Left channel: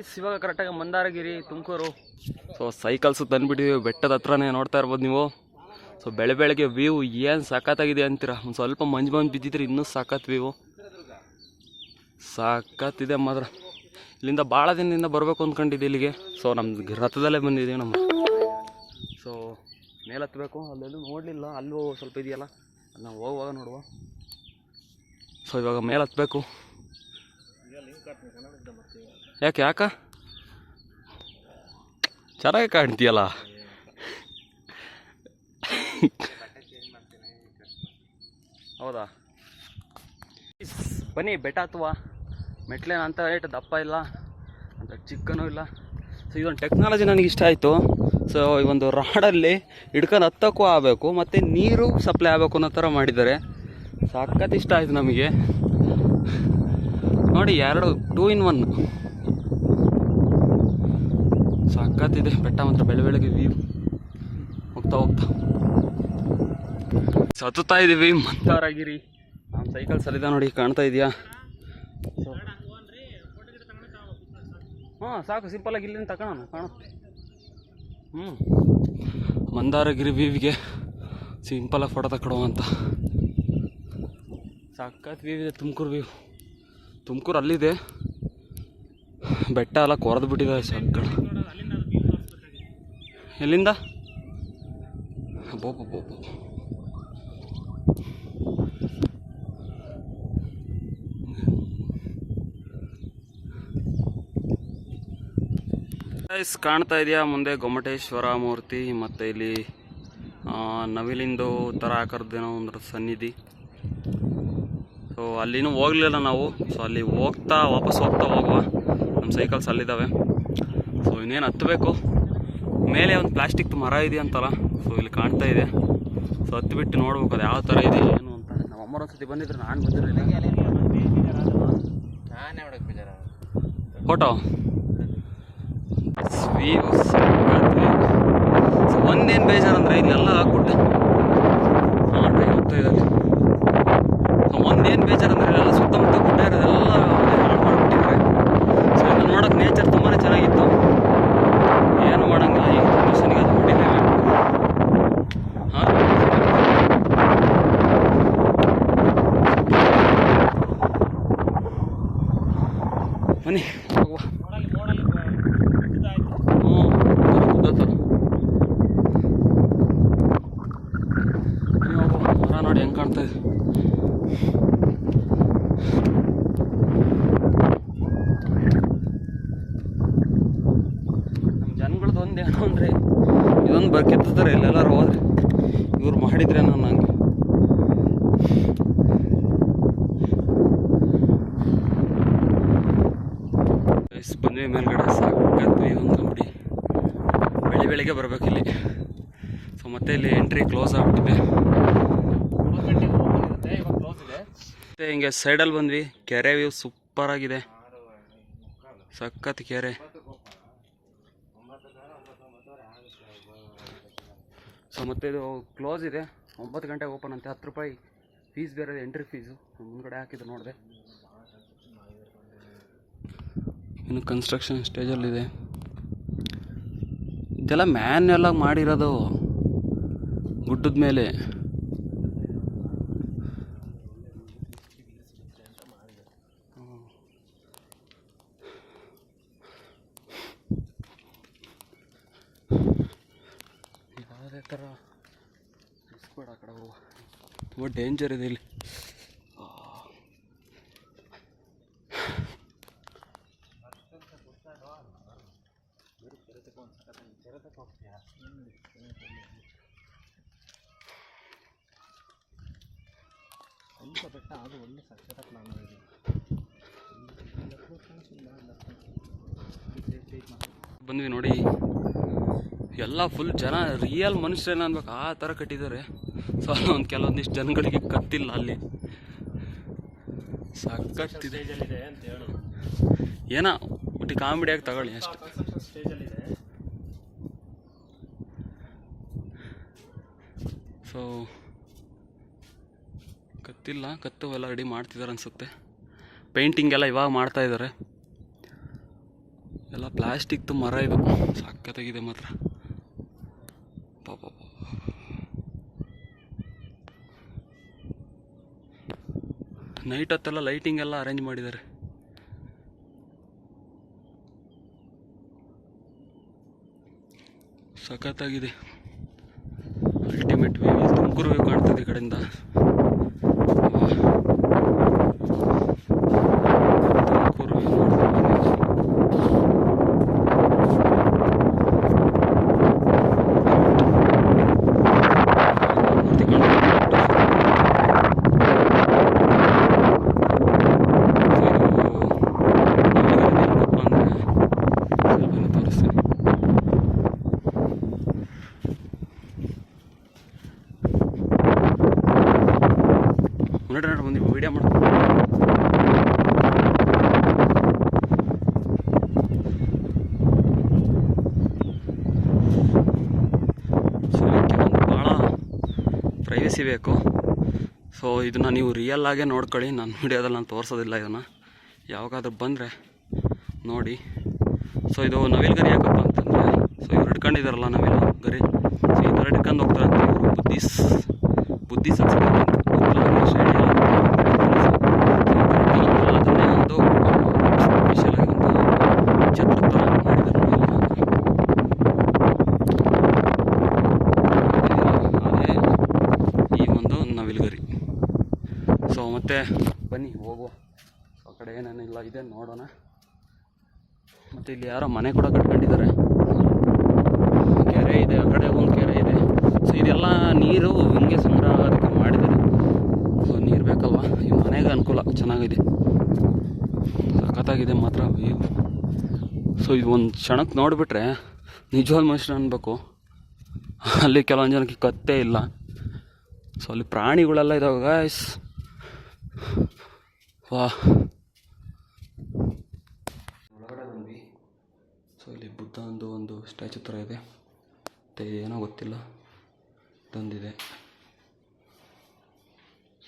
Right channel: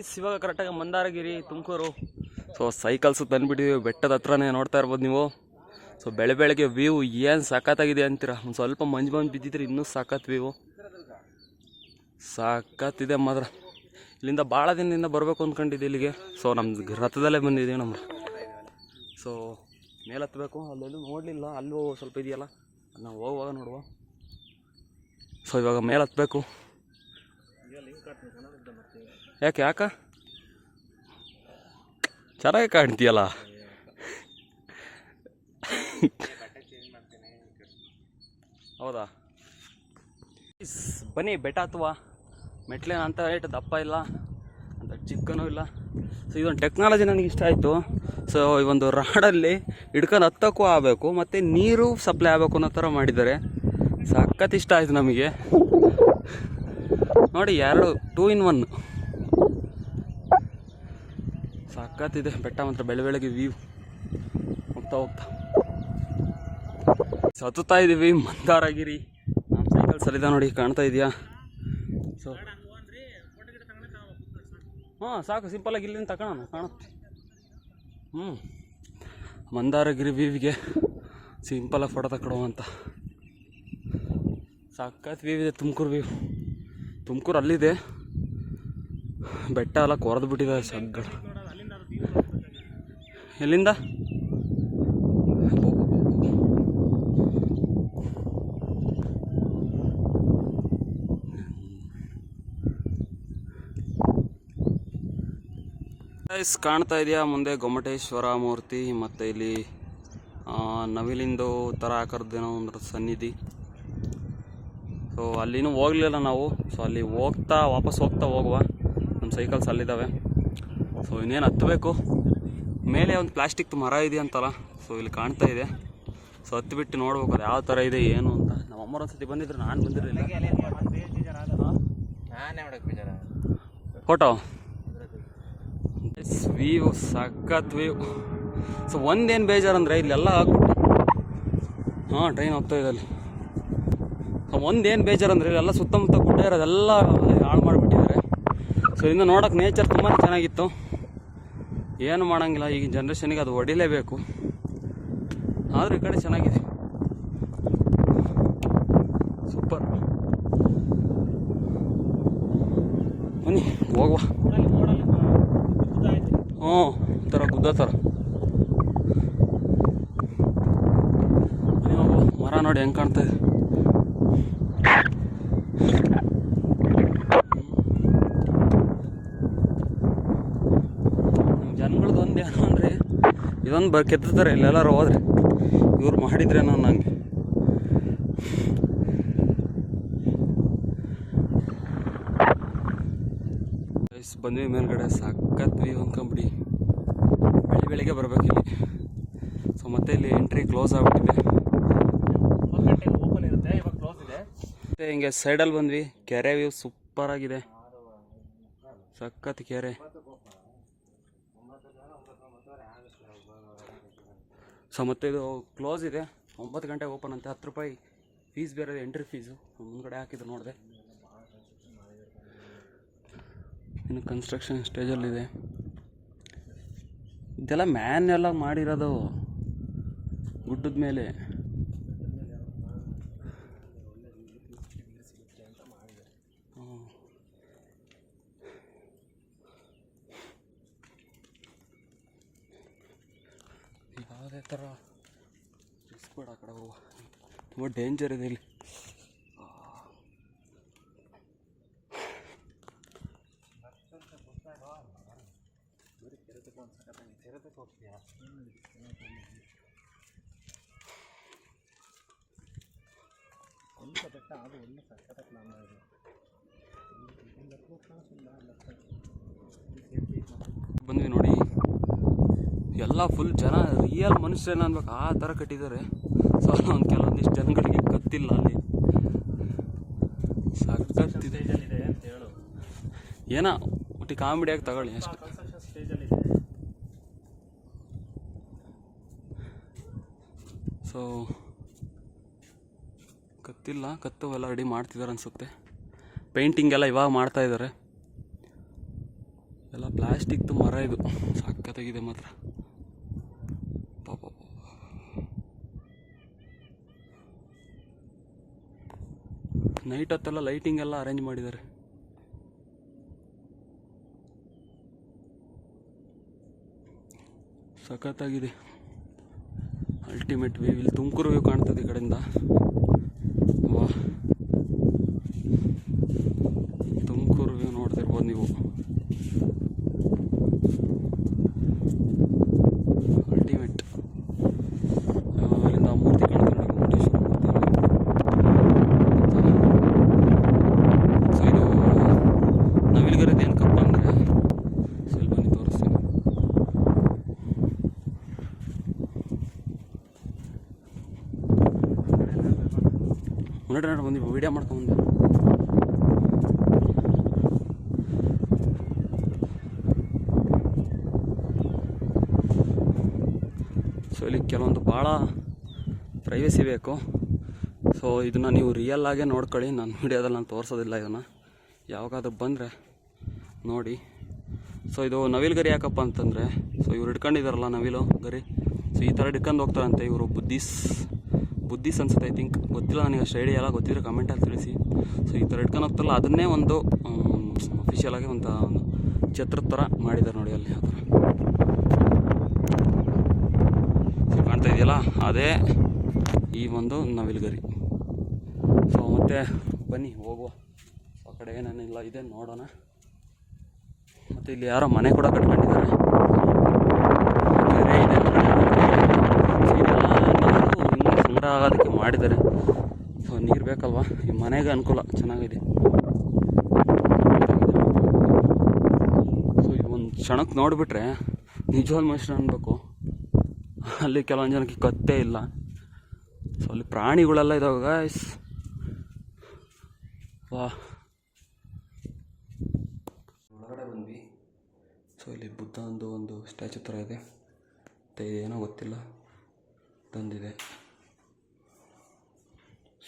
ಇವಾಗ ಕರೆಕ್ಟಾಗಿ Mandaragiri Tumakuru. So cycles ತಂದುಬಿಟ್ಟಿದ್ದೀವಿ, ಬೆಟ್ಟದ ಹತ್ರನೇ ನೋಡ್ತಾ ಇರ್ಬೋದು ನೀವು. ಸೊ ಬೆಳಗ್ಗೆ ವ್ಯೂ ಏನು ಸಖತ್ತಾಗಿದೆ ಅಂತೀರ. ಒಂದು ಸ್ವಲ್ಪ ಮಂಜು ಬಿದ್ದಿದ್ರೆ ಇನ್ನೂ ಸಖತ್ ವ್ಯೂ, ಸಖತ್ತಿದೆ ಮಾತ್ರ. ಇಲ್ಲಿಂದ ಭಾಳ ದಿನದಿಂದ ಬರಬೇಕು ಅಂದ್ಕೊಂಡಿದ್ದೆ ಇಲ್ಲಿಗೆ. ಸೊ ನಮ್ಮ ರಥದಲ್ಲೇ ಬಂದಿದ್ದೀವಿ ನಮ್ಮ. ಸೊ ಮೇಲೆ ಹತ್ತಬೇಕು, ಅಲ್ಲೆಲ್ಲೂ ನೋಡಲಿಲ್ಲ, ಅಲ್ಲೂ ಸ್ವಲ್ಪ ಇದೆಯಲ್ಲ ನಾವು ಹೋಗುವಾಗ ನೋಡುವ. ಸೊ ಇವಾಗ ಮೇಲೆ ಹತ್ತಬೇಕು. ಯಾಕ ಚೆನ್ನಾಗಿ ಕಾಣ್ತೀಯಲ್ಲ. ಹೌದಾ, ಬನ್ನಿ ಬೆಟ್ಟ ಹತ್ತುವ. ಮೆಟ್ಲೇನು ಅಂತ ರೇಟ್ ದಪ್ಪ ಇಲ್ಲ, ಅಂತ ಚಿಕ್ಕನೂ ಇಲ್ಲ. ಸೊ ಈ ಒಂದು ಟೆಕ್ನಾಲಜಿ ನನಗೆ ಇಷ್ಟ ಆಯಿತು. ಸೊ ಈ ಒಂದು ರಾಡಲ್ಲಿ ಹಿಡ್ಕೊಂಡು ಹತ್ತಕ್ಕೂ ಆಗಬೇಕು, ಮತ್ತು ನೀರು ಸಪ್ಲೈ ಆಗಬೇಕು ಅನ್ನೋ ಥರ ಮಾಡಿದ್ದಾರೆ. ಸಖತ್ ಇಷ್ಟ ಆಯಿತು ನಮಗೆ. ನೋಡಿ, 2 in 1 ಸಖತ್ತಿದೆ. ಬೆಟ್ಟ ಮಾತ್ರ ಬೆಳಗ್ಗೆ ವ್ಯೂ. ಹೋಗ್ತಾ ಹತ್ತುತ್ತಾ ಇದ್ದೀವಿ ಮಂದಾರಗಿರಿ. ನಮ್ಮ ಸೈಕಲ್ ಸಲಿದ ನೋಡಿ, ಕಾಣ್ತಾ ಇದೆಯಾ? ಸೊ ಹಾಂ ಸಾಕು, ಸಿಂಪಲಾಗಿ ಇಲ್ಲಿಂದ ತಗೊಳ್ಳೋಣ, ಕಾಣುತ್ತೆ. ಮಂದಾರಗಿರಿ ವ್ಯೂವಿಗೆ ಸಿಂಪಲಾಗಿ ಫೋಟೋ ತಗೊಳ್ಳೋ ಅಂತ. ಸಖತ್ ವ್ಯೂ ಇದೆ. ತುಮಕೂರು ಅಲ್ಲಿದೆ, ಬೆಟ್ಟ ಎಲ್ಲ ಕೊರೆದು ಬಿಟ್ಟಿದೆ ಸಗ್ಗಡ. ಎಲ್ಲಿಂದ ಕಾಣ್ತಾ ಇದೆಯಾ ಮುಂದೆ ಗೊಮ್ಮಟೇಶ್ವರ ಮೂರ್ತಿ, ಮತ್ತು ಇಲ್ಲಿ ನವಿಲಿಂದು ಥರ ಆಕಾರದ್ದೇನೋ ಒಂದು ಸನ್ನಿಧಿ. ಸೊ ಅಲ್ಲಿನೂ ಹೋಗಲಿಲ್ಲ ನಾವು. ಸೊ ಅಲ್ಲಿ ವಾಪಸ್ ಹೋಗುವ. ನಮ್ಮ ಸೈಕಲ್ಸ್ ಅಲ್ಲಿದ್ದಾವೆ. ಸೊ ಇನ್ನೇನು ಹತ್ತಬೇಕು. ಮೇಲೆ ಒಂದು ಪ್ಲಾಸ್ಟಿಕ್ ಮರ ಇದೆಯಂತಲ್ಲ, ಸೊ ಇಲ್ಲಿ ಕಾಣ್ತಾ ಇದೆ. ಸೊ ಹತ್ತಿಬಿಟ್ಟು ನೋಡ್ಬೇಕು ಅದು ಯಾವ ಥರ ಇದೆ ಏನು ಅಂತ. ನಮ್ಮ ಅಮ್ಮರು ಒಂದ್ಸತಿ ಬಂದಿದ್ರು, ನಾನು ಬಂದಿರಲಿಲ್ಲ. ಫೋಟೋ ವ್ಯೂ ಸಖತ್ ವ್ಯೂ. ಸೊ ಒಂದೇನು ಬೇಜಾರಂದರೆ ಇಲ್ಲೆಲ್ಲ ಗುಡ್ಡ. ಟ್ರೈನ್ ಹೋಗ್ತಾ ಇದೆ ಅಲ್ಲಿ. ಸೊ ಒಂದೇನು ಬೇಜಾರಂದರೆ ಇಲ್ಲೆಲ್ಲ ಸುತ್ತಮುತ್ತ ಗುಡ್ಡ ಇರೋದೆಲ್ಲ ಹಾಳು ಮಾಡಿಬಿಟ್ಟಿದ್ದಾರೆ. ಸೊ ಇನ್ನು ನೋಡೋಕೆ ನೇಚರ್ ತುಂಬಾ ಚೆನ್ನಾಗಿತ್ತು. ಏನು ಮಾಡೋಂಗಿಲ್ಲ, ಈಗ ಜನರೇಷನ್ಗೆ ಅದು ಹೊಡಿಲೇಬೇಕು. ಬನ್ನಿ ಹೋಗುವ. ಥರ ಗುದ್ದ ಥರ ಮರ ನೋಡಿ ಹೆಂಗೆ ಕಾಣ್ತಾ ಇದೆ. ಜನಗಳದ್ದು ಒಂದು ಏನು ಅಂದರೆ ಇದೊಂದು ಕೆತ್ತಾರೆ ಇಲ್ಲೆಲ್ಲರೂ ಹೋದ್ರೆ. ಇವ್ರು ಮಾಡಿದ್ರೆ ನಾನು ಹಂಗೆ ಬಂದ್ವಿ ಮೇಲ್ಗಡೆ. ಸಾಕತ್ವಿ ಒಂದು ಬಿಡಿ, ಬೆಳಿಗ್ಗೆ ಬರಬೇಕು ಇಲ್ಲಿ. ಸೊ ಮತ್ತೆ ಇಲ್ಲಿ ಎಂಟ್ರಿ ಕ್ಲೋಸ್ ಆಗಿಬಿಟ್ಟಿದೆ. ಮತ್ತು ಹಿಂಗೆ ಸೈಡಲ್ಲಿ ಬಂದ್ವಿ. ಕೆರೆ ವ್ಯೂ ಸೂಪರ್ ಆಗಿದೆ, ಸಖತ್ ಕೆರೆ. ಸೊ ಮತ್ತು ಇದು ಕ್ಲೋಸ್ ಇದೆ, 9 ಗಂಟೆಗೆ ಓಪನ್ ಅಂತೆ. 10 ರೂಪಾಯಿ ಫೀಸ್ ಬೇರೆ, ಎಂಟ್ರಿ ಫೀಸು. ಮುಂದ್ಗಡೆ ಹಾಕಿದ್ದು ನೋಡಿದೆ. ಇನ್ನು ಕನ್ಸ್ಟ್ರಕ್ಷನ್ ಸ್ಟೇಜಲ್ಲಿದೆ. ಇದೆಲ್ಲ ಮ್ಯಾನ್ಯಲ್ ಆಗಿ ಮಾಡಿರೋದು ಗುಡ್ಡದ ಮೇಲೆ. ಯಾವುದೇ ಥರ ರಿಸ್ಕ್ ಆ ಕಡೆ ಹೋಗುವ, ತುಂಬ ಡೇಂಜರ್ ಇದೆ ಇಲ್ಲಿ. ಬಂದ್ವಿ ನೋಡಿ, ಎಲ್ಲ ಫುಲ್ ಜನ, ರಿಯಲ್ ಮನುಷ್ಯನ ಅನ್ಬೇಕು ಆ ಥರ ಕಟ್ಟಿದ್ದಾರೆ. ಸೊ ಒಂದು ಕೆಲವೊಂದಿಷ್ಟು ಜನಗಳಿಗೆ ಕತ್ತಿಲ್ಲ ಅಲ್ಲಿ. ಸಖತ್ತಿದೆ ಏನೋ ಒಟ್ಟು ಕಾಮಿಡಿಯಾಗಿ ತಗೊಳ್ಳಿ ಅಷ್ಟೆ. ಸೊ ಕತ್ತಿಲ್ಲ, ಕತ್ತು ಎಲ್ಲ ರೆಡಿ ಮಾಡ್ತಿದ್ದಾರೆ ಅನಿಸುತ್ತೆ. ಪೇಂಟಿಂಗ್ ಎಲ್ಲ ಇವಾಗ ಮಾಡ್ತಾಯಿದ್ದಾರೆ. ಎಲ್ಲ ಪ್ಲಾಸ್ಟಿಕ್ದು ಮರ ಇದು, ಸಖತ್ತಾಗಿದೆ ಮಾತ್ರ. ಪಾಪ ನೈಟ್ ಹೊತ್ತೆಲ್ಲ ಲೈಟಿಂಗ್ ಎಲ್ಲ ಅರೇಂಜ್ ಮಾಡಿದ್ದಾರೆ. ಸಖತ್ತಾಗಿದೆ. Ultimate view. ತುಮಕೂರು ವ್ಯೂ ಕಾಣ್ತದೆ ಈ ಕಡೆಯಿಂದ. ತುಮಕೂರು ವ್ಯೂ ನೋಡ್ರಿ ಬಂದು ವೀಡಿಯೋ ಮಾಡ್ಕೊಂಡು. ಸೊ ಇಲ್ಲಿ ಕೆಲವೊಂದು ಭಾಳ ಪ್ರೈವಸಿ ಬೇಕು. ಸೊ ಇದನ್ನು ನೀವು ರಿಯಲ್ ಆಗೇ ನೋಡ್ಕೊಳ್ಳಿ. ನಾನು ವೀಡಿಯೋದಲ್ಲಿ ನಾನು ತೋರಿಸೋದಿಲ್ಲ. ಇದನ್ನು ಯಾವಾಗಾದ್ರೂ ಬಂದರೆ ನೋಡಿ. ಸೊ ಇದು ನವಿಲು ಗರಿ ಯಾಕಪ್ಪ ಅಂತಂದರೆ, ಸೊ ಇವ್ರು ಹಿಡ್ಕೊಂಡಿದ್ದಾರಲ್ಲ ನವಿಲು ಗರಿ, ಸೊ ಈ ಥರ ಹಿಡ್ಕೊಂಡು ಹೋಗ್ತಾರಂತೆ ಇವರು. ಬುದ್ಧಿಸ್ ಅನ್ಸುತ್ತೆ, ಗೊತ್ತಿಲ್ಲ ನನಗೆ, ಶೈಡಿ ಎಲ್ಲ ಗೊತ್ತಿಲ್ಲ. ಸೊ ಈ ಥರ ಹಿಡ್ಕೊಂಡಂತಲ್ಲ, ಅದನ್ನೇ ಒಂದು ಸ್ಪೆಷಲ್ ಆಗಿ ಒಂದು ಛತ್ರ ಥರ ಮಾಡಿದ್ದಾರೆ ನೋಡಿ. ಕಾಣ್ತಾ ಇದೆಯಲ್ಲ, ಅದೇ ಈ ಒಂದು ನವಿಲುಗರಿ. ಸೊ ಮತ್ತೆ ಬನ್ನಿ ಹೋಗುವ. ಆ ಕಡೆ ಏನೇನಿಲ್ಲ ಇದೆ ನೋಡೋಣ. ಮತ್ತು ಇಲ್ಲಿ ಯಾರೋ ಮನೆ ಕೂಡ ಕಟ್ಕೊಂಡಿದ್ದಾರೆ. ಕೆರೆ ಇದೆ, ಕೆರೆ ಇದೆ. ಸೊ ಇದೆಲ್ಲ ನೀರು ಹಿಂಗೆ ಸಂಗ್ರಹ ಆಗೋದಕ್ಕೆ ಮಾಡಿದ್ದಾರೆ. ಸೊ ನೀರು ಬೇಕಲ್ವ, ಈ ಮನೆಗೆ ಅನುಕೂಲ. ಚೆನ್ನಾಗಿದೆ, ಸಖತ್ತಾಗಿದೆ ಮಾತ್ರ. ಸೊ ಇದು ಒಂದು ಕ್ಷಣಕ್ಕೆ ನೋಡಿಬಿಟ್ರೆ ನಿಜವಾದ ಮನುಷ್ಯರು ಅನ್ಬೇಕು. ಅಲ್ಲಿ ಕೆಲವೊಂದು ಜನಕ್ಕೆ ಕತ್ತೇ ಇಲ್ಲ. ಸೊ ಅಲ್ಲಿ ಪ್ರಾಣಿಗಳೆಲ್ಲ ಇದಾವೆ ಗಾಯ್ಸ್. ವಾ, ಒಳಗಡೆ ಬಂದ್ವಿ. ಸೊ ಇಲ್ಲಿ ಬುದ್ಧಂದು ಒಂದು ಸ್ಟ್ಯಾಚು ಥರ ಇದೆ. ಮತ್ತು ಏನೋ ಗೊತ್ತಿಲ್ಲ, ತಂದಿದೆ.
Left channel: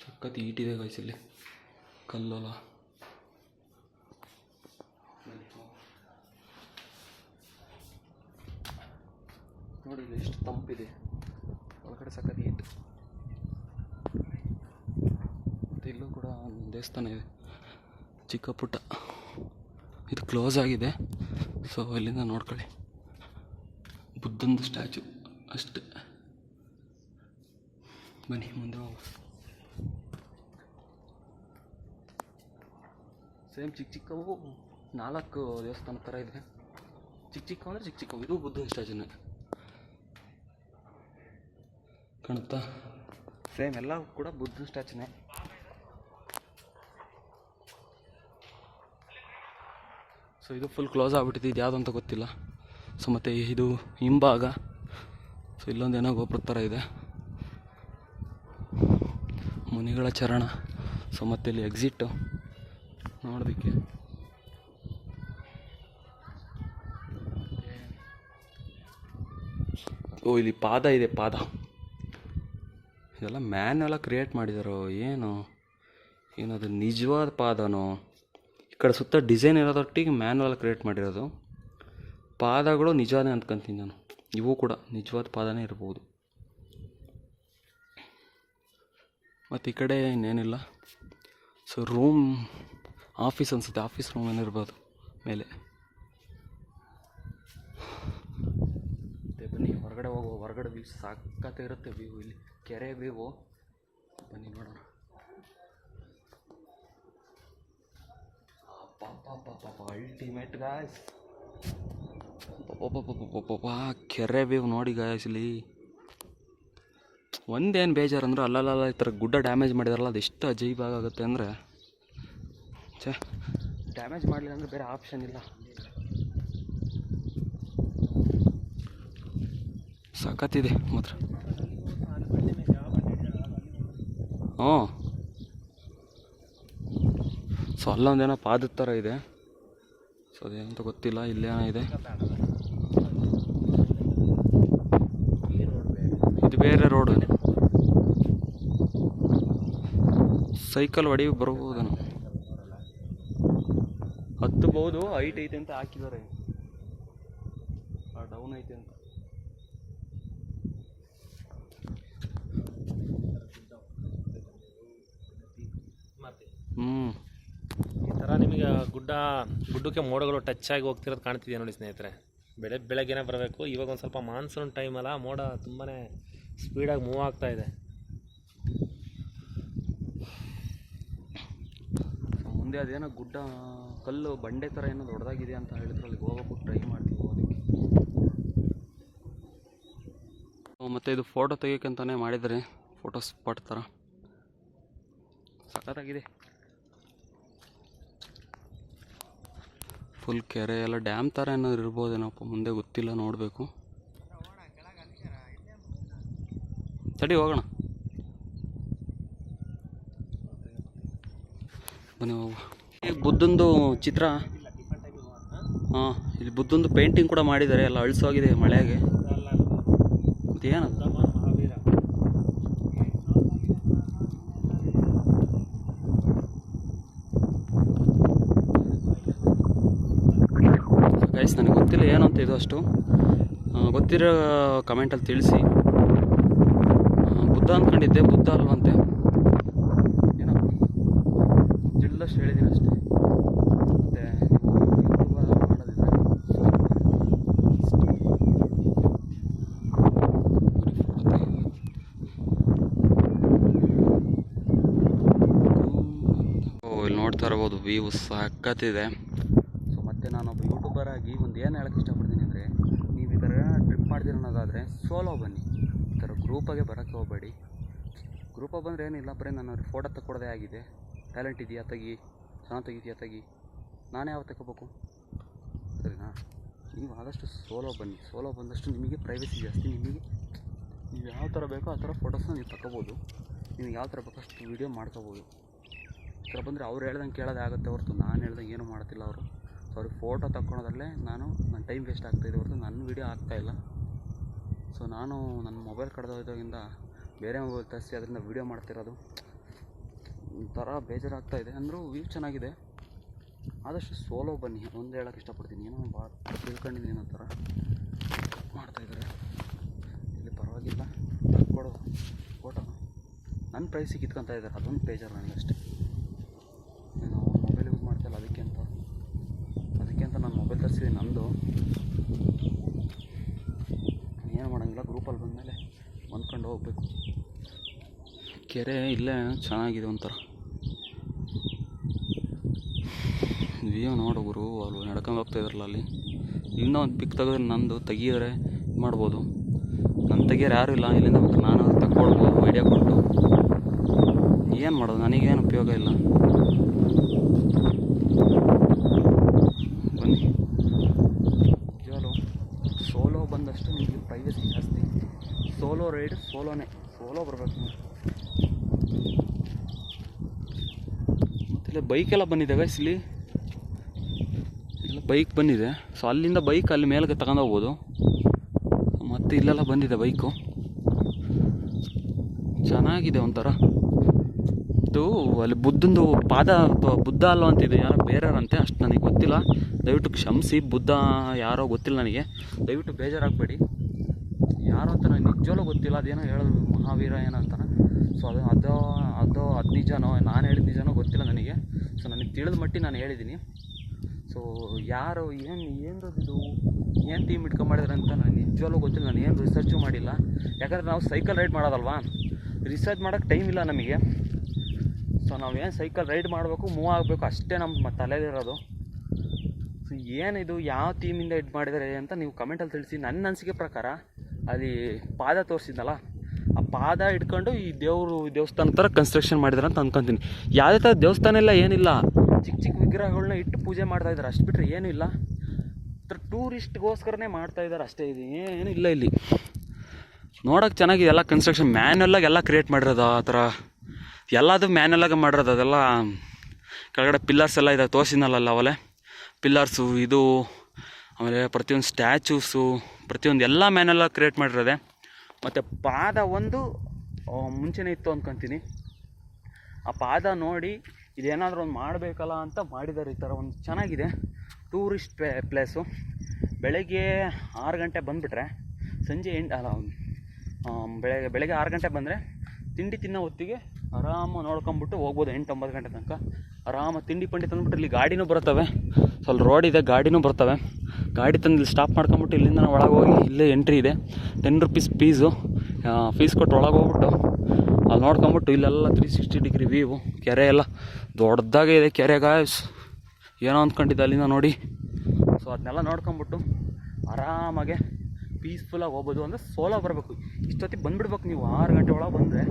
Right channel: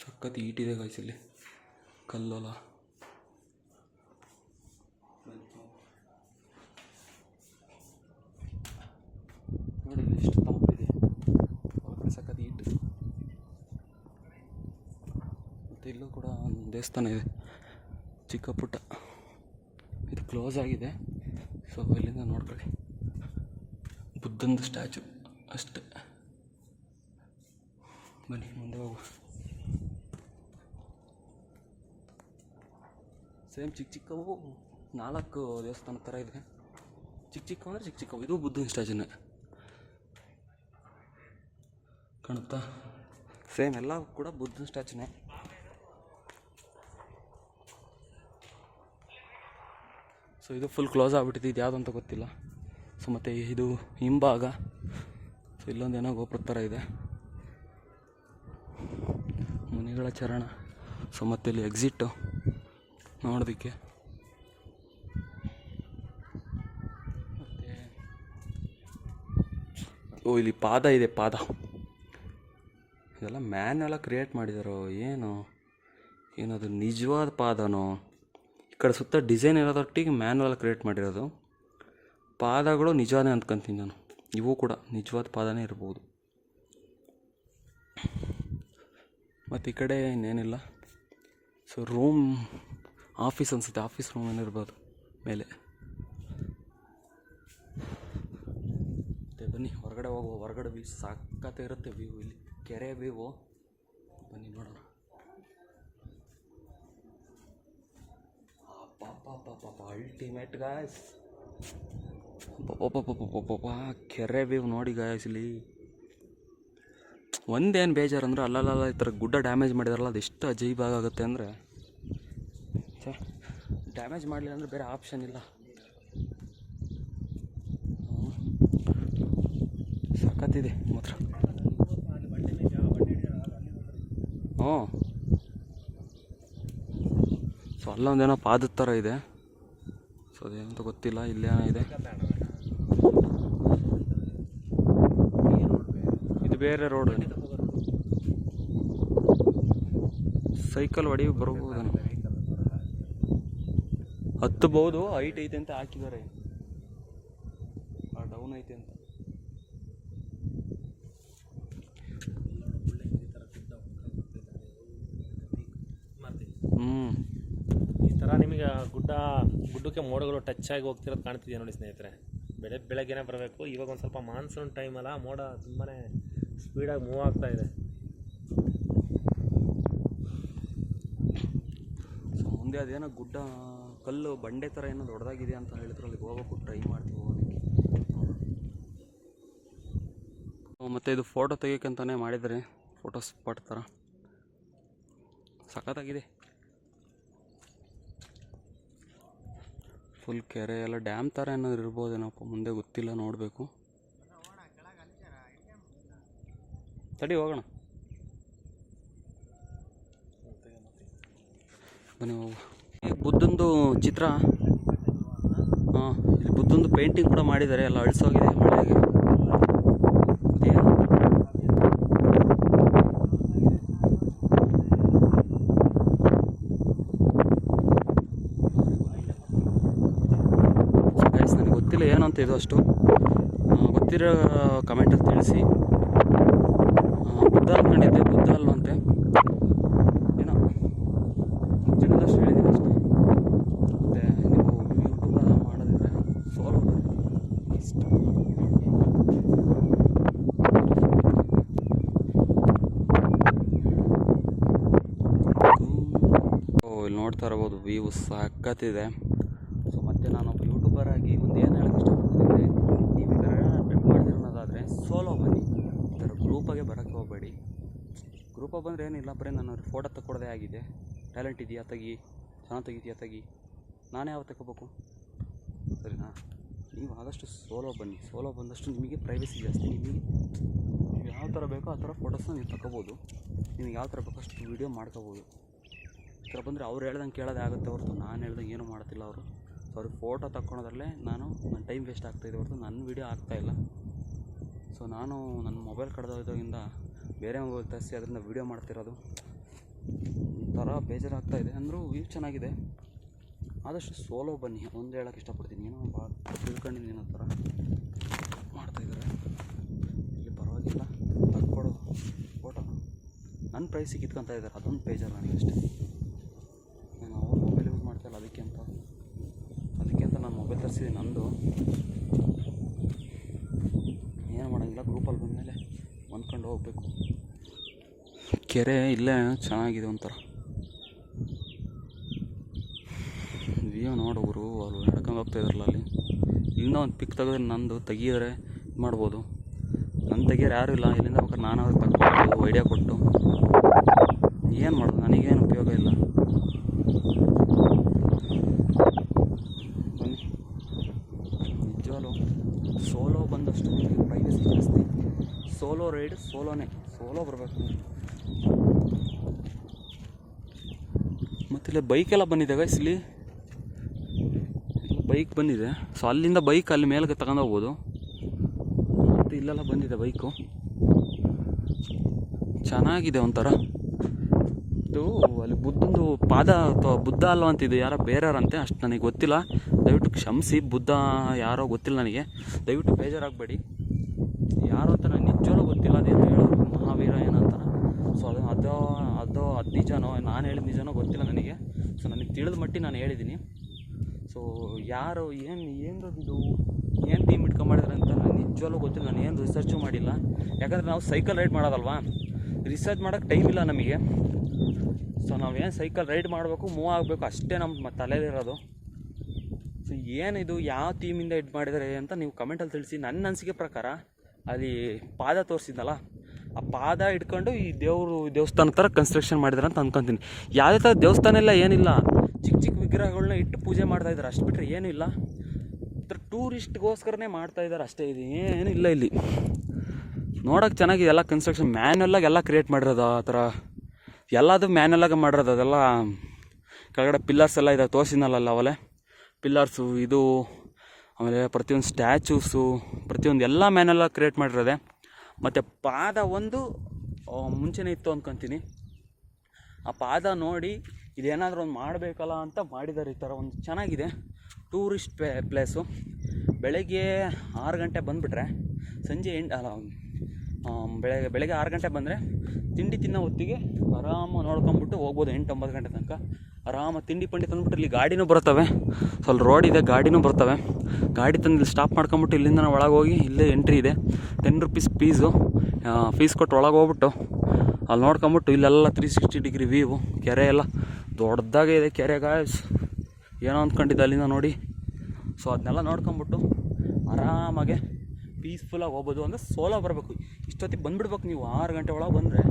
ಸಖತ್ ಈಟಿದೆ ಗಾಯ್ಸ್ ಇಲ್ಲಿ, ಕಲ್ಲೋಲ. ನೋಡಿ ಇಲ್ಲಿ ಎಷ್ಟು ತಂಪಿದೆ. ಒಳಗಡೆ ಸಖತ್ ಈಟು. ಮತ್ತು ಇಲ್ಲೂ ಕೂಡ ಒಂದು ದೇವಸ್ಥಾನ ಇದೆ, ಚಿಕ್ಕ ಪುಟ್ಟ. ಇದು ಕ್ಲೋಸ್ ಆಗಿದೆ. ಸೊ ಇಲ್ಲಿಂದ ನೋಡ್ಕೊಳ್ಳಿ, ಬುದ್ಧಂದು ಸ್ಟ್ಯಾಚು ಅಷ್ಟೇ. ಬನ್ನಿ ಮುಂದೆ ಹೋಗು. ಸೇಮ್ ಚಿಕ್ಕ ಚಿಕ್ಕವು 4 ದೇವಸ್ಥಾನ ಥರ ಇದೆ. ಚಿಕ್ಕ ಚಿಕ್ಕವು ಅಂದರೆ ಚಿಕ್ಕ ಚಿಕ್ಕವು. ಇದು ಬುದ್ಧ ಸ್ಟ್ಯಾಚುನೇ ಕಾಣುತ್ತಾ? ಸೇಮ್ ಎಲ್ಲ ಕೂಡ ಬುದ್ಧನ ಸ್ಟ್ಯಾಚುನೇ. ಸೊ ಇದು ಫುಲ್ ಕ್ಲೋಸ್ ಆಗಿಬಿಟ್ಟಿದೆ. ಇದು ಯಾವುದು ಅಂತ ಗೊತ್ತಿಲ್ಲ. ಸೊ ಮತ್ತು ಇದು ಹಿಂಭಾಗ. ಸೊ ಇಲ್ಲೊಂದೇನೋ ಗೋಪುರ ಥರ ಇದೆ, ಮುನಿಗಳ ಚರಣ. ಸೊ ಮತ್ತು ಇಲ್ಲಿ ಎಕ್ಸಿಟ್ಟು ನೋಡೋದಕ್ಕೆ. ಓ, ಇಲ್ಲಿ ಪಾದ ಇದೆ, ಪಾದ. ಇದೆಲ್ಲ ಮ್ಯಾನ್ಯೆಲ್ಲ ಕ್ರಿಯೇಟ್ ಮಾಡಿದಾರೋ ಏನದು ನಿಜವಾದ ಪಾದನೋ? ಈ ಕಡೆ ಸುತ್ತ ಡಿಸೈನ್ ಇರೋದೊಟ್ಟಿಗೆ ಮ್ಯಾನ್ಯೆಲ್ಲ ಕ್ರಿಯೇಟ್ ಮಾಡಿರೋದು. ಪಾದಗಳು ನಿಜವಾದೇ ಅಂದ್ಕೊಂತೀನಿ ನಾನು. ಇವು ಕೂಡ ನಿಜವಾದ ಪಾದನೇ ಇರ್ಬೋದು. ಮತ್ತು ಈ ಕಡೆ ಇನ್ನೇನಿಲ್ಲ. ಸೊ ರೂಮ್, ಆಫೀಸ್ ಅನಿಸುತ್ತೆ. ಆಫೀಸ್ ರೂಮ್ ಏನಿರ್ಬೋದು ಮೇಲೆ. ಮತ್ತು ಬನ್ನಿ ಹೊರಗಡೆ ಹೋಗುವ. ಹೊರಗಡೆ ವ್ಯೂ ಸಾಕತ್ತೆ ಇರುತ್ತೆ. ವ್ಯೂ ಇಲ್ಲಿ ಕೆರೆ ವ್ಯೂ. ಬನ್ನಿ ನೋಡೋಣ. ಪಾಪ ಅಲ್ಟಿಮೇಟ್ ಗಾಯ್ಸ್. ಕೆರೆ ವ್ಯೂ ನೋಡಿ ಗಾಯ್ಸ್. ಇಲ್ಲಿ ಒಂದೇನು ಬೇಜಾರು ಅಂದ್ರೆ ಅಲ್ಲಲ್ಲ ಈ ಥರ ಗುಡ್ಡ ಡ್ಯಾಮೇಜ್ ಮಾಡಿದಾರಲ್ಲ, ಅದು ಎಷ್ಟು ಅಜೀಬಾಗುತ್ತೆ ಅಂದರೆ, ಡ್ಯಾಮೇಜ್ ಮಾಡಲಿಲ್ಲ ಅಂದರೆ ಬೇರೆ ಆಪ್ಷನ್ ಇಲ್ಲ. ಸಖತ್ತಿದೆ ಮಾತ್ರ. ಹ್ಞೂ. ಸೊ ಅಲ್ಲೊಂದೇನೋ ಪಾದದ ಥರ ಇದೆ. ಸೊ ಅದೇನಂತ ಗೊತ್ತಿಲ್ಲ. ಇಲ್ಲೇನೋ ಇದೆ. ಇದು ಬೇರೆ ರೋಡು. ಸೈಕಲ್ ಹೊಡಿ ಬರ್ಬೋದೇನೋ, ಹತ್ತಬಹುದು. ಹೈಟ್ ಐತೆ ಅಂತ ಹಾಕಿದ್ದಾರೆ. ಡೌನ್ ಐತೆ ಅಂತ. ಈ ಥರ ನಿಮಗೆ ಗುಡ್ಡಕ್ಕೆ ಮೋಡಗಳು ಟಚ್ ಆಗಿ ಹೋಗ್ತಿರೋದು ಕಾಣ್ತಿದೆಯಾ ನೋಡಿ ಸ್ನೇಹಿತರೆ. ಬೆಳಗ್ಗೆನೇ ಬರಬೇಕು. ಇವಾಗ ಒಂದು ಸ್ವಲ್ಪ ಮಾನ್ಸೂನ್ ಟೈಮ್ ಅಲ್ಲ, ಮೋಡ ತುಂಬಾ ಸ್ಪೀಡಾಗಿ ಮೂವ್ ಆಗ್ತಾ ಇದೆ. ಮುಂದೆ ಅದೇನೋ ಗುಡ್ಡ ಕಲ್ಲು ಬಂಡೆ ಥರ ಏನೋ ದೊಡ್ಡದಾಗಿದೆ ಅಂತ ಹೇಳಿದ್ರು, ಅಲ್ಲಿಗೆ ಹೋಗೋಕ್ಕೂ ಟ್ರೈ ಮಾಡ್ತೀವಿ ಹೋಗೋದಕ್ಕೆ. ಮತ್ತು ಇದು ಫೋಟೋ ತೆಗಿಯೋಕ್ಕಂತಲೇ ಮಾಡಿದರೆ ಫೋಟೋ ಸ್ಪಾಟ್ ಥರ ಸಖತ್ತಾಗಿದೆ. ಫುಲ್ ಕೆರೆ ಎಲ್ಲ ಡ್ಯಾಮ್ ಥರ ಏನಾದ್ರು ಇರ್ಬೋದೇನಪ್ಪ, ಮುಂದೆ ಗೊತ್ತಿಲ್ಲ, ನೋಡಬೇಕು. ತಡಿ ಹೋಗೋಣ, ಬನ್ನಿ ಹೋಗುವ. ಈಗ ಬುದ್ಧಂದು ಚಿತ್ರ, ಹಾಂ, ಇಲ್ಲಿ ಬುದ್ಧಂದು ಪೇಂಟಿಂಗ್ ಕೂಡ ಮಾಡಿದ್ದಾರೆ. ಎಲ್ಲ ಅಳಿಸೋಗಿದೆ ಮಳೆಗೆ. ಏನು ಗೈಸ್, ನನಗೆ ಗೊತ್ತಿಲ್ಲ ಏನು ಅಂತ. ಇದು ಅಷ್ಟು ಗೊತ್ತಿರೋ ಕಮೆಂಟಲ್ಲಿ ತಿಳಿಸಿ. ಬುದ್ಧ ಅಂದ್ಕೊಂಡಿದ್ದೆ, ಬುದ್ಧ ಅಲ್ವಂತೆ. ಏನೋ ತಿಳಿದಷ್ಟು ಹೇಳಿದ್ದೀನಿ ಅಷ್ಟು. ಮತ್ತು ನೀವು ಯೂಟ್ಯೂಬ್ ಮಾಡೋದಿದ್ರೆ ಇಲ್ಲಿ ನೋಡ್ತಾ ಇರ್ಬೋದು, ವ್ಯೂ ಸಖತ್ತಿದೆ. ಸೊ ಮತ್ತೆ ನಾನೊಬ್ಬ ಯೂಟ್ಯೂಬರ್ ಆಗಿ ಒಂದು ಏನು ಹೇಳೋಕ್ಕೆ ಇಷ್ಟಪಡ್ತೀನಿ ಅಂದರೆ, ನೀವು ಈ ಥರ ಟ್ರಿಪ್ ಮಾಡ್ದಿರೋದಾದರೆ ಸೋಲೋ ಬನ್ನಿ. ಈ ಥರ ಗ್ರೂಪಾಗೆ ಬರೋಕ್ಕೆ ಹೋಗಬೇಡಿ. ಗ್ರೂಪಾಗಿ ಬಂದರೆ ಏನಿಲ್ಲ, ಬರೀ ನಾನು ಫೋಟೋ ತಗೊಳ್ಳೋದೇ ಆಗಿದೆ. ಟ್ಯಾಲೆಂಟ್ ಇದೆಯಾ ತೆಗಿ, ಚೆನ್ನಾಗಿ ತೆಗಿತೀಯಾ ತೆಗಿ, ನಾನೇ ಯಾವ ತಗೋಬೇಕು, ಸರಿನಾ? ನೀವು ಆದಷ್ಟು ಸೋಲೋ ಬನ್ನಿ. ಸೋಲೋ ಬಂದಷ್ಟು ನಿಮಗೆ ಪ್ರೈವಸಿ ಜಾಸ್ತಿ. ನೀವು ಯಾವ ಥರ ಬೇಕೋ ಆ ಥರ ಫೋಟೋಸ್ನ ನೀವು ತಗೋಬೋದು. ನಿಮ್ಗೆ ಯಾವ ಥರ ಬೇಕೋ ಅಷ್ಟು ವೀಡಿಯೋ ಮಾಡ್ಕೋಬೋದು. ಈ ಥರ ಬಂದರೆ ಅವ್ರು ಹೇಳ್ದಂಗೆ ಕೇಳೋದೇ ಆಗುತ್ತೆ ಹೊರತು ನಾನು ಹೇಳ್ದಂಗೆ ಏನೂ ಮಾಡ್ತಿಲ್ಲ ಅವರು. ಸೊ ಅವ್ರಿಗೆ ಫೋಟೋ ತಗೊಳೋದ್ರಲ್ಲೇ ನನ್ನ ಟೈಮ್ ವೇಸ್ಟ್ ಆಗ್ತಾಯಿದೆ ಹೊರತು ನನ್ನ ವೀಡಿಯೋ ಆಗ್ತಾಯಿಲ್ಲ. ಸೊ ನಾನು ನನ್ನ ಮೊಬೈಲ್ ಕಳೆದೋಗಿದ್ದಾಗಿಂದ ಬೇರೆ ಮೊಬೈಲ್ ತರಿಸಿ ಅದರಿಂದ ವೀಡಿಯೋ ಮಾಡ್ತಿರೋದು. ಒಂಥರ ಬೇಜಾರಾಗ್ತಾಯಿದೆ. ಅಂದರೂ ವ್ಯೂ ಚೆನ್ನಾಗಿದೆ. ಆದಷ್ಟು ಸೋಲೋ ಬನ್ನಿ, ಒಂದು ಹೇಳೋಕ್ಕೆ ಇಷ್ಟಪಡ್ತೀನಿ. ಏನೋ ಭಾಳ ತಿಳ್ಕೊಂಡಿದ್ದೀನಿ ಅನ್ನೋ ಥರ ಮಾಡ್ತಾಯಿದ್ದಾರೆ ಇಲ್ಲಿ. ಪರವಾಗಿಲ್ಲ, ತಕ್ಕೊಡು ಫೋಟೋ. ನನ್ನ ಪ್ರೈಸಿಗೆ ಕಿತ್ಕೊತಾ ಇದ್ದಾರೆ, ಅದೊಂದು ಬೇಜಾರು ನನಗಷ್ಟೇ. ನಾನು ಅವ್ರ ಮೊಬೈಲ್ ಯೂಸ್ ಮಾಡ್ತಾಯಿಲ್ಲ, ಅದಕ್ಕೆ ಅಂತ ನಾನು ಮೊಬೈಲ್ ತರಿಸಿದ್ದೀನಿ ನಂದು. ಏನು ಮಾಡೋಂಗಿಲ್ಲ, ಗ್ರೂಪಲ್ಲಿ ಬಂದಮೇಲೆ ಹೊಂದ್ಕೊಂಡು ಹೋಗಬೇಕು. ಕೆರೆ ಇಲ್ಲೇ ಚೆನ್ನಾಗಿದೆ ಒಂಥರ ವ್ಯೂ. ನೋಡೋರು ಅಲ್ಲಿ ನಡ್ಕೊಂಡು ಹೋಗ್ತಾಯಿದ್ರಲ್ಲ, ಅಲ್ಲಿ ಇಲ್ಲಿಂದ ಒಂದು ಪಿಕ್ ತೆಗೆದ್ರೆ ನಂದು ತೆಗಿಯೋರೆ ಮಾಡ್ಬೋದು. ನನ್ನ ತೆಗಿಯೋರು ಯಾರೂ ಇಲ್ಲ. ಇಲ್ಲಿಂದ ಬೇಕಾದ್ರೆ ನಾನು ಅವ್ರು ತಗೊಂಡು ಐಡಿಯಾ ಕೊಟ್ಟು ಏನು ಮಾಡೋದು, ನನಗೇನು ಉಪಯೋಗ ಇಲ್ಲ. ಬನ್ನಿ, ನಿಜವಾಗ್ಲೂ ಸೋಲೋ ಬಂದಷ್ಟು ನಿಮಗೆ ಪ್ರೈವಸಿ ಜಾಸ್ತಿ. ಸೋಲೋ ರೈಡ್ ಸೋಲೋನೇ, ಸೋಲೋ ಬರಬೇಕು ನೀವು. ಮತ್ತಿಲ್ಲ ಬೈಕೆಲ್ಲ ಬಂದಿದೆ ಗೈಸ್, ಇಲ್ಲಿ ಬೈಕ್ ಬಂದಿದೆ. ಸೊ ಅಲ್ಲಿಂದ ಬೈಕ್ ಅಲ್ಲಿ ಮೇಲಕ್ಕೆ ತಗೊಂಡೋಗ್ಬೋದು. ಮತ್ತು ಇಲ್ಲೆಲ್ಲ ಬಂದಿದೆ ಬೈಕು, ಚೆನ್ನಾಗಿದೆ ಒಂಥರ. ಇದು ಅಲ್ಲಿ ಬುದ್ಧಂದು ಪಾದ ಅಥವಾ ಬುದ್ಧ ಅಲ್ವ ಅಂತಿದ್ದು, ಯಾರೋ ಬೇರೆಯವರಂತೆ, ಅಷ್ಟು ನನಗೆ ಗೊತ್ತಿಲ್ಲ, ದಯವಿಟ್ಟು ಕ್ಷಮಿಸಿ. ಬುದ್ಧ ಯಾರೋ ಗೊತ್ತಿಲ್ಲ ನನಗೆ, ದಯವಿಟ್ಟು ಬೇಜಾರಾಗಬೇಡಿ. ಯಾರು ಅಂತ ನನಗೆ ನಿಜವೂ ಗೊತ್ತಿಲ್ಲ. ಅದೇನು ಹೇಳೋರು ಮಹಾವೀರ ಏನಂತಾನೆ. ಸೊ ಅದು ನಿಜನೋ ನಾನು ಹೇಳಿದ ನಿಜನೋ ಗೊತ್ತಿಲ್ಲ ನನಗೆ. ಸೊ ನನಗೆ ತಿಳಿದ ಮಟ್ಟಿಗೆ ನಾನು ಹೇಳಿದ್ದೀನಿ. ಸೊ ಯಾರು ಏನದು ಏನು ಟೀಮ್ ಇಟ್ಕೊಂಬಾಡಿದ್ರೆ ಅಂತ ನಾನು ನಿಜವಲ್ಲೂ ಗೊತ್ತಿಲ್ಲ. ನಾನು ಏನು ರಿಸರ್ಚು ಮಾಡಿಲ್ಲ. ಯಾಕಂದರೆ ನಾವು ಸೈಕಲ್ ರೈಡ್ ಮಾಡೋದಲ್ವಾ, ರಿಸರ್ಚ್ ಮಾಡೋಕ್ಕೆ ಟೈಮ್ ಇಲ್ಲ ನಮಗೆ. ಸೊ ನಾವೇನು ಸೈಕಲ್ ರೈಡ್ ಮಾಡಬೇಕು, ಮೂವ್ ಆಗಬೇಕು, ಅಷ್ಟೇ ನಮ್ಮ ತಲೆಯಲ್ಲಿರೋದು. ಸೊ ಏನಿದು ಯಾವ ಟೀಮಿಂದ ಇದು ಮಾಡಿದ್ದಾರೆ ಅಂತ ನೀವು ಕಮೆಂಟಲ್ಲಿ ತಿಳಿಸಿ. ನನ್ನ ಅನಿಸಿಕೆ ಪ್ರಕಾರ ಅಲ್ಲಿ ಪಾದ ತೋರಿಸಿದ್ನಲ್ಲ, ಆ ಪಾದ ಇಟ್ಕೊಂಡು ಈ ದೇವಸ್ಥಾನ ಥರ ಕನ್ಸ್ಟ್ರಕ್ಷನ್ ಮಾಡಿದ್ದಾರೆ ಅಂತ ಅಂದ್ಕೊತೀನಿ. ಯಾವುದೇ ಥರ ದೇವಸ್ಥಾನ ಎಲ್ಲ ಏನಿಲ್ಲ, ಚಿಕ್ಕ ಚಿಕ್ಕ ವಿಗ್ರಹಗಳನ್ನ ಇಟ್ಟು ಪೂಜೆ ಮಾಡ್ತಾಯಿದ್ದಾರೆ, ಅಷ್ಟು ಬಿಟ್ಟರೆ ಏನೂ ಇಲ್ಲ. ಟೂರಿಸ್ಟ್ಗೋಸ್ಕರನೇ ಮಾಡ್ತಾಯಿದ್ದಾರೆ ಅಷ್ಟೇ. ಇದು ಏನಿಲ್ಲ ಇಲ್ಲಿ. ನೋಡೋಕೆ ಚೆನ್ನಾಗಿದೆ ಎಲ್ಲ ಕನ್ಸ್ಟ್ರಕ್ಷನ್. ಮ್ಯಾನ್ಯಲಾಗಿ ಎಲ್ಲ ಕ್ರಿಯೇಟ್ ಮಾಡಿರೋದು ಆ ಥರ ಎಲ್ಲದು ಮ್ಯಾನ್ಯಲಾಗಿ ಮಾಡಿರೋದು. ಅದೆಲ್ಲ ಕೆಳಗಡೆ ಪಿಲ್ಲರ್ಸ್ ಎಲ್ಲ ಇದೆ, ತೋರಿಸಿನಲ್ಲ ಅವಲೇ ಪಿಲ್ಲರ್ಸು, ಇದು ಆಮೇಲೆ ಪ್ರತಿಯೊಂದು ಸ್ಟ್ಯಾಚೂಸು, ಪ್ರತಿಯೊಂದು ಎಲ್ಲ ಮ್ಯಾನ್ಯಲಾಗಿ ಕ್ರಿಯೇಟ್ ಮಾಡಿರೋದೆ. ಮತ್ತು ಪಾದ ಒಂದು ಮುಂಚೆನೇ ಇತ್ತು ಅಂದ್ಕೊತೀನಿ. ಆ ಪಾದ ನೋಡಿ ಇದೇನಾದರೂ ಒಂದು ಮಾಡಬೇಕಲ್ಲ ಅಂತ ಮಾಡಿದ್ದಾರೆ. ಈ ಥರ ಒಂದು ಚೆನ್ನಾಗಿದೆ ಟೂರಿಸ್ಟ್ ಪ್ಲೇಸು. ಬೆಳಗ್ಗೆ 6 ಗಂಟೆ ಬಂದುಬಿಟ್ರೆ ಸಂಜೆ ಬೆಳಗ್ಗೆ 6 ಗಂಟೆ ಬಂದರೆ ತಿಂಡಿ ತಿನ್ನೋ ಹೊತ್ತಿಗೆ ಆರಾಮಾಗಿ ನೋಡ್ಕೊಂಬಿಟ್ಟು ಹೋಗ್ಬೋದು. 8-9 ಗಂಟೆ ತನಕ ಆರಾಮಾಗಿ ತಿಂಡಿ ಪಂಡಿ ತಂದುಬಿಟ್ಟು ಇಲ್ಲಿ ಗಾಡಿನೂ ಬರ್ತವೆ, ಸ್ವಲ್ಪ ರೋಡ್ ಇದೆ, ಗಾಡಿನೂ ಬರ್ತವೆ. ಗಾಡಿ ತಂದು ಇಲ್ಲಿ ಸ್ಟಾಪ್ ಮಾಡ್ಕೊಂಬಿಟ್ಟು ಇಲ್ಲಿಂದ ನಾವು ಒಳಗೆ ಹೋಗಿ ಇಲ್ಲೇ ಎಂಟ್ರಿ ಇದೆ, 10 ರೂಪೀಸ್ ಫೀಸ್ ಕೊಟ್ಟು ಒಳಗೆ ಹೋಗ್ಬಿಟ್ಟು ಅಲ್ಲಿ ನೋಡ್ಕೊಂಬಿಟ್ಟು ಇಲ್ಲೆಲ್ಲ 360 ಡಿಗ್ರಿ ವ್ಯೂ, ಕೆರೆ ಎಲ್ಲ ದೊಡ್ಡದಾಗೆ ಇದೆ ಕೆರೆ ಗಾಯ್ಸ್, ಏನೋ ಅಂದ್ಕೊಂಡಿದ್ದೆ ಅಲ್ಲಿಂದ ನೋಡಿ. ಸೊ ಅದನ್ನೆಲ್ಲ ನೋಡ್ಕೊಂಬಿಟ್ಟು ಆರಾಮಾಗೆ ಪೀಸ್ಫುಲ್ಲಾಗಿ ಹೋಗ್ಬೋದು. ಅಂದರೆ ಸೋಲೋ ಬರಬೇಕು, ಇಷ್ಟೊತ್ತಿಗೆ ಬಂದುಬಿಡ್ಬೇಕು ನೀವು. 6 ಗಂಟೆ ಒಳಗೆ ಬಂದರೆ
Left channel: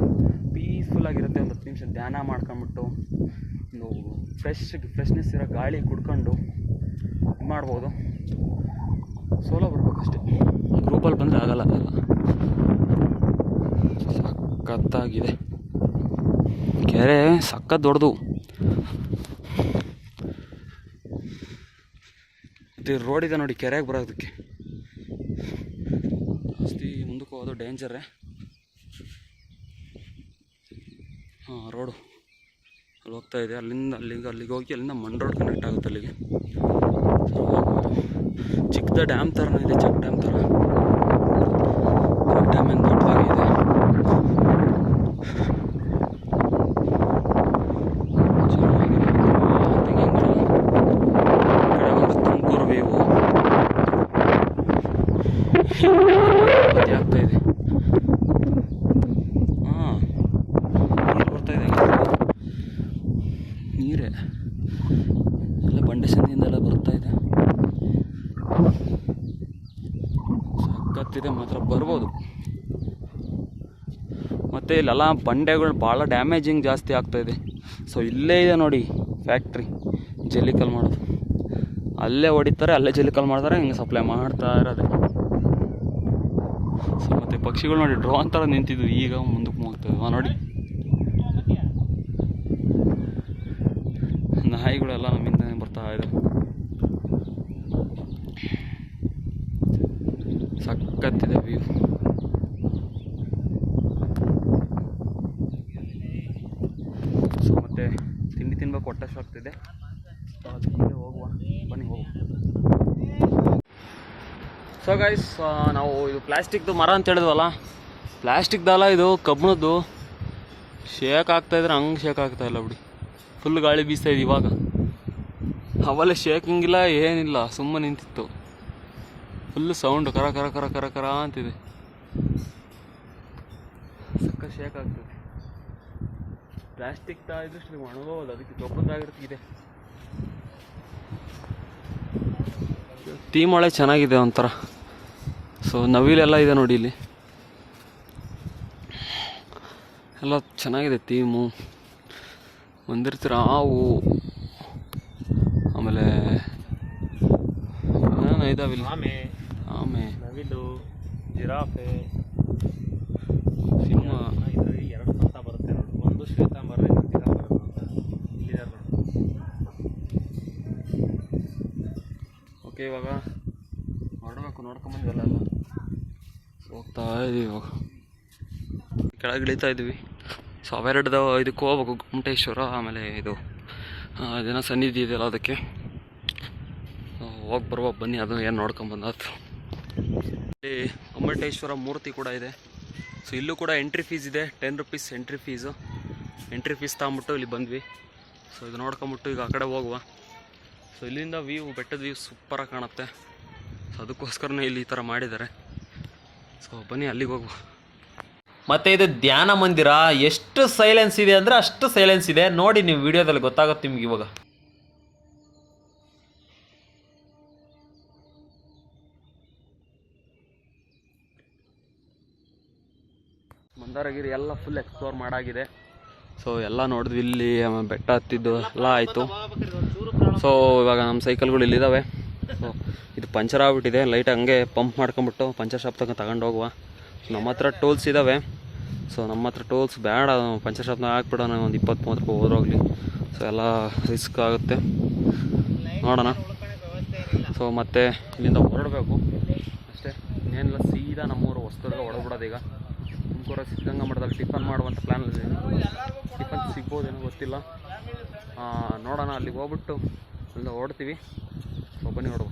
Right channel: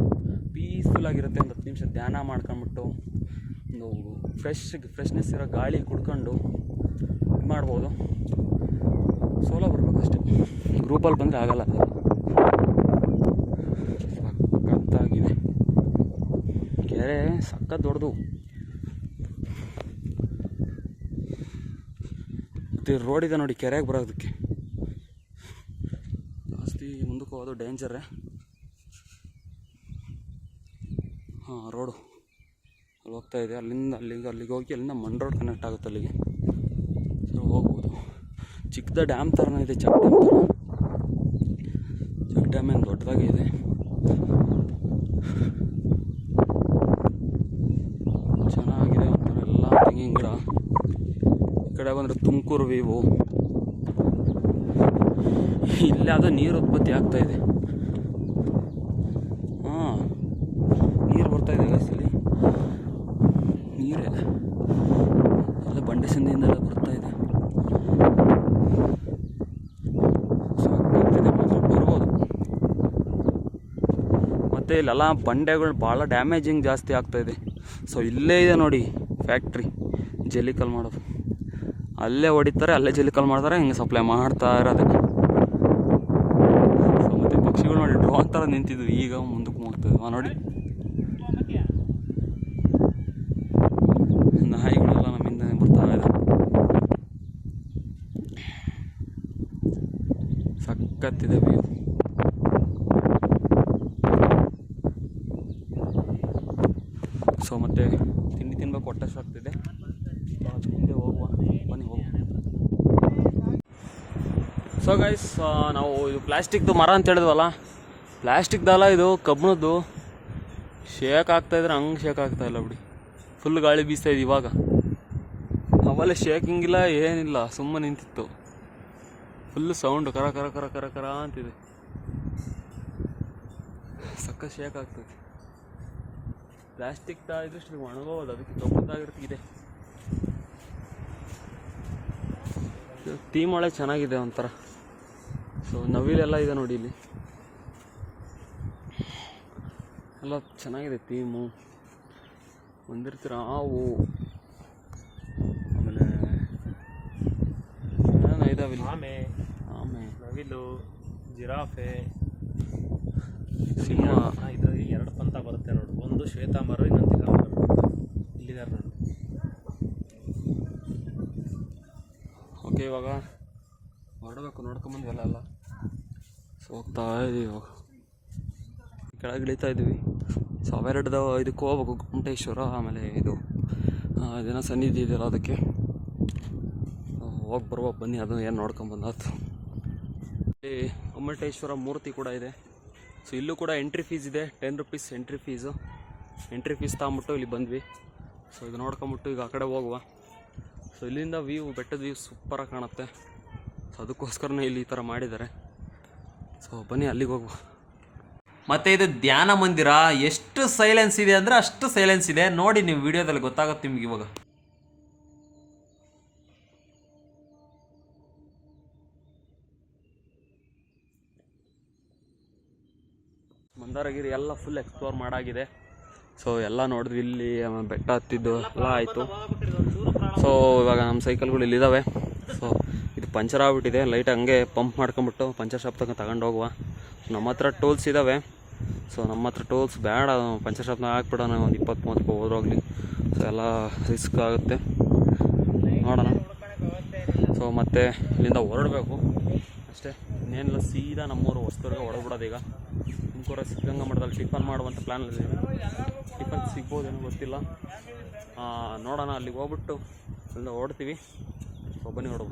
ಪೀಸ್ಫುಲ್ಲಾಗಿರುತ್ತೆ. ಒಂದು 10 ನಿಮಿಷ ಧ್ಯಾನ ಮಾಡ್ಕೊಂಬಿಟ್ಟು ಒಂದು ಫ್ರೆಶ್ನೆಸ್ ಇರೋ ಗಾಳಿ ಕುಡ್ಕೊಂಡು ಇದು ಮಾಡ್ಬೋದು. ಸೋಲೋ ಬರ್ಬೇಕಷ್ಟೆ, ಗ್ರೂಪಲ್ಲಿ ಬಂದರೆ ಆಗಲ್ಲ. ಸಖತ್ತಾಗಿದೆ ಕೆರೆ, ಸಖತ್ ದೊಡ್ಡದು. ಮತ್ತು ರೋಡ್ ಇದೆ ನೋಡಿ ಕೆರೆಗೆ ಬರೋದಕ್ಕೆ, ಜಾಸ್ತಿ ಮುಂದಕ್ಕೆ ಹೋಗೋದು ಡೇಂಜರೇ. ರೋಡು ಅಲ್ಲಿ ಹೋಗ್ತಾ ಇದೆ, ಅಲ್ಲಿಗೆ ಹೋಗಿ ಅಲ್ಲಿಂದ ಮಣ್ ರೋಡ್ ಕನೆಕ್ಟ್ ಆಗುತ್ತೆ ಅಲ್ಲಿಗೆ ಹೋಗ್ಬೋದು. ಚಿಕ್ಕದ ಡ್ಯಾಮ್ ಥರನೇ ಇದೆ, ಚೆಕ್ ಡ್ಯಾಮ್ ಥರ. ಡ್ಯಾಮ್ ಏನು ದೊಡ್ಡದಾಗಿದೆ. ಚೆನ್ನಾಗಿದೆ. ಈ ಕಡೆ ಒಂದು ತುಮಕೂರು ವ್ಯೂ ಆಗ್ತಾ ಇದೆ. ನೀರು ಬರ್ತಾ ಇದೆ, ನೀರೇ ಎಲ್ಲ ಬಂಡೆ ಸಂದಿಯಿಂದೆಲ್ಲ ಬರ್ತಾ ಇದೆ. ಸಾಕಾಗ್ತಿದೆ ಮಾತ್ರ, ಬರ್ಬೋದು. ಮತ್ತು ಇಲ್ಲೆಲ್ಲ ಬಂಡೆಗಳು ಭಾಳ ಡ್ಯಾಮೇಜಿಂಗ್ ಜಾಸ್ತಿ ಆಗ್ತಾಯಿದೆ. ಸೊ ಇಲ್ಲೇ ಇದೆ ನೋಡಿ ಫ್ಯಾಕ್ಟ್ರಿ ಜಲ್ಲಿಕಲ್ ಮಾಡೋದು, ಅಲ್ಲೇ ಹೊಡಿತಾರೆ, ಅಲ್ಲೇ ಜಲ್ಲಿಕಲ್ ಮಾಡ್ತಾರೆ, ಹಿಂಗೆ ಸಪ್ಲೈ ಮಾಡ್ತಾ ಇರೋದೆ. ಸೊ ಮತ್ತು ಪಕ್ಷಿಗಳು ನೋಡಿ ಡ್ರೋನ್ ಥರ ನಿಂತಿದ್ವು, ಈಗ ಮುಂದಕ್ಕೆ ಹೋಗ್ತದೆ ನೋಡಿ. ನಾಯಿಗಳೆಲ್ಲ ನಮ್ಮಿಂದ ಬರ್ತಾ ಇದೆ. ಸಖತ್ತಿದೆ ವ್ಯೂ. ಸೊ ಮತ್ತೆ ತಿಂಡಿ ತಿನ್ಬೇಕು, ಹೊಟ್ಟೆ ಸಾಕ್ತಿದೆ. ಮುಂದೆ ಹೋಗುವ, ಬನ್ನಿ ಹೋಗುವ. ಸೊ ಗೈಸ್, ನಾವು ಇದು ಪ್ಲಾಸ್ಟಿಕ್ದು ಮರ ಅಂತ ಹೇಳಿದ್ವಲ್ಲ, ಪ್ಲಾಸ್ಟಿಕ್ದಲ್ಲ ಇದು, ಕಬ್ಬಿಣದ್ದು. ಶೇಕ್ ಆಗ್ತಾಯಿದ್ರೆ ಹಂಗೆ ಶೇಕ್ ಆಗ್ತಾಯಿಲ್ಲ ಬಿಡಿ, ಫುಲ್ ಗಾಳಿ ಬೀಸ್ತಾಯಿದೆ ಇವಾಗ. ಅವಲ್ಲೇ ಶೇಕಿಂಗಿಲ್ಲ ಏನಿಲ್ಲ, ಸುಮ್ಮನೆ ನಿಂತಿತ್ತು. ಫುಲ್ ಸೌಂಡು ಕರ ಕರ ಕರ ಕರ ಕರ ಅಂತಿದೆ, ಸಕ್ಕ ಶೇಕ್ ಆಗ್ತದೆ. ಪ್ಲಾಸ್ಟಿಕ್ ತಾಗಿದ್ರೆ ಒಣಗೋದು, ಅದಕ್ಕೆ ಕಬ್ಬದಾಗಿರ್ತಿದೆ. ತೀಮೊಳೆ ಚೆನ್ನಾಗಿದೆ ಒಂಥರ. ಸೊ ನವಿಲೆಲ್ಲ ಇದೆ ನೋಡಿ ಇಲ್ಲಿ, ಎಲ್ಲ ಚೆನ್ನಾಗಿದೆ ಥೀಮು. ಬಂದಿರ್ತೀರ ಹಾವು, ಆಮೇಲೆ ಏನೇನೋ ಇದಾವೆ ಇಲ್ಲಿ, ಆಮೆ, ನವಿಲು, ಜಿರಾಫೆ, ಸಿಂಹ. ಇದರಲ್ಲಿ 2 ಅಂತ ಬರುತ್ತೆ ನೋಡಿ, ಒಂದು ಶ್ವೇತಾಂಬರ, ಇನ್ನೊಂದು ದಿಗಂಬರ. ಇಲ್ಲಿದೆ ನೋಡಿ. ಓಕೆ, ಇವಾಗ ಹೊರಡಬೇಕು, ನೋಡ್ಕೊಂಬಂದ್ವಲ್ಲ ಎಲ್ಲ. ಸೊ ಹೋಗ್ತಾ ಇದೀವಿ, ಇವಾಗ ಕೆಳಗೆ ಇಳಿತಾ ಇದ್ವಿ. ಸೊ ಅವೆರಡು ಇದಕ್ಕೆ ಹೋಗ್ಬೇಕು, ಗೊಮ್ಮಟೇಶ್ವರ, ಆಮೇಲೆ ಇದು ಅದೇನೋ ಸನ್ನಿಧಿ ಇದೆಯಲ್ಲ ಅದಕ್ಕೆ ಹೋಗಿ ಬರುವ. ಬನ್ನಿ, ಅದು ಏನು ನೋಡ್ಕೊಂಬಂದಾಯ್ತು. ಇಲ್ಲಿ ಗೊಮ್ಮಟೇಶ್ವರ ಮೂರ್ತಿ ಕೂಡ ಇದೆ. ಸೊ ಇಲ್ಲೂ ಕೂಡ ಎಂಟ್ರಿ ಫೀಸ್ ಇದೆ, 10 rupees entry fees. Entry fees ತಗೊಂಬಿಟ್ಟು ಇಲ್ಲಿ ಬಂದ್ವಿ. ಸೊ ಇದು ನೋಡ್ಕೊಂಬಿಟ್ಟು ಈಗ ಆ ಕಡೆ ಹೋಗುವ. ಸೊ ಇಲ್ಲಿಂದ ವ್ಯೂ, ಬೆಟ್ಟದ ವ್ಯೂ ಸೂಪರಾಗಿ ಕಾಣುತ್ತೆ. ಸೊ ಅದಕ್ಕೋಸ್ಕರನೇ ಇಲ್ಲಿ ಈ ಥರ ಮಾಡಿದ್ದಾರೆ. ಸೊ ಬನ್ನಿ ಅಲ್ಲಿಗೆ ಹೋಗುವ. ಮತ್ತು ಇದು ಧ್ಯಾನ ಮಂದಿರ, ಎಷ್ಟು ಸೈಲೆನ್ಸ್ ಇದೆ ಅಂದರೆ ಅಷ್ಟು ಸೈಲೆನ್ಸ್ ಇದೆ. ನೋಡಿ ನೀವು ವಿಡಿಯೋದಲ್ಲಿ ಗೊತ್ತಾಗುತ್ತೆ ನಿಮ್ಗೆ ಇವಾಗ. ಮಂದಾರಗಿರಿ ಎಲ್ಲ ಫುಲ್ ಎಕ್ಸ್ಪ್ಲೋರ್ ಮಾಡಾಗಿದೆ. ಸೊ ಎಲ್ಲ ನೋಡಿದ್ವಿ, ಇಲ್ಲಿ ಬೆಟ್ಟ ಹತ್ತಿದ್ದು ಎಲ್ಲ ಆಯಿತು. ಸೊ ಇವಾಗ ನಮ್ಮ ಸೈಕಲ್ಗಳು ಇಲ್ಲಿದ್ದಾವೆ. ಸೊ ಇದು ಪಂಚರ್ ಆಗ್ಬಿಟ್ಟಿದೆ, ಲೈಟ್ ಹಂಗೆ ಪಂಪ್ ಮಾಡ್ಕೊಂಬಿಟ್ಟು ಪಂಚರ್ ಶಾಪ್ ತಗೊಂಡು ಹೋಗುವ. ನಮ್ಮ ಹತ್ರ ಟೂಲ್ಸ್ ಇದ್ದಾವೆ. ಸೊ ನಮ್ಮ ಹತ್ರ ಟೂಲ್ಸ್ ಬೇಡ, ಪಂಚರ್ ಶಾಪ್ನಾಗ ಹಾಕ್ಬಿಡೋಣ, ಒಂದು 20-30 ರೂಪಾಯಿ ಹೋದ್ರೋಗ್ಲಿ. ಸೊ ಎಲ್ಲ ರಿಸ್ಕ್ ಆಗುತ್ತೆ, ನೋಡೋಣ. ಸೊ ಮತ್ತೆ ಇಲ್ಲಿಂದ ಹೊರಡಬೇಕು ಅಷ್ಟೇ, ಇನ್ನೇನಿಲ್ಲ. ಸೀದಾ ನಮ್ಮೂರು ಹೊಸದುರ್ಗ ಹೊರಡ್ಬಿಡೋದು. ಈಗ ತುಮಕೂರ ಸಿದ್ಧಗಂಗಾ ಮಠದಲ್ಲಿ ಟಿಫನ್ ಮಾಡುವಂಥ ಪ್ಲ್ಯಾನಲ್ಲಿದ್ದೀವಿ. ಟಿಫನ್ ಸಿಗ್ಬೋದೇನೋ ಗೊತ್ತಿಲ್ಲ, ನೋಡೋಣ. ಅಲ್ಲಿಗೆ ಹೋಗ್ಬಿಟ್ಟು ಅಲ್ಲಿಂದ ಹೊರಡ್ತೀವಿ. ಸೊ ಬನ್ನಿ ನೋಡುವ.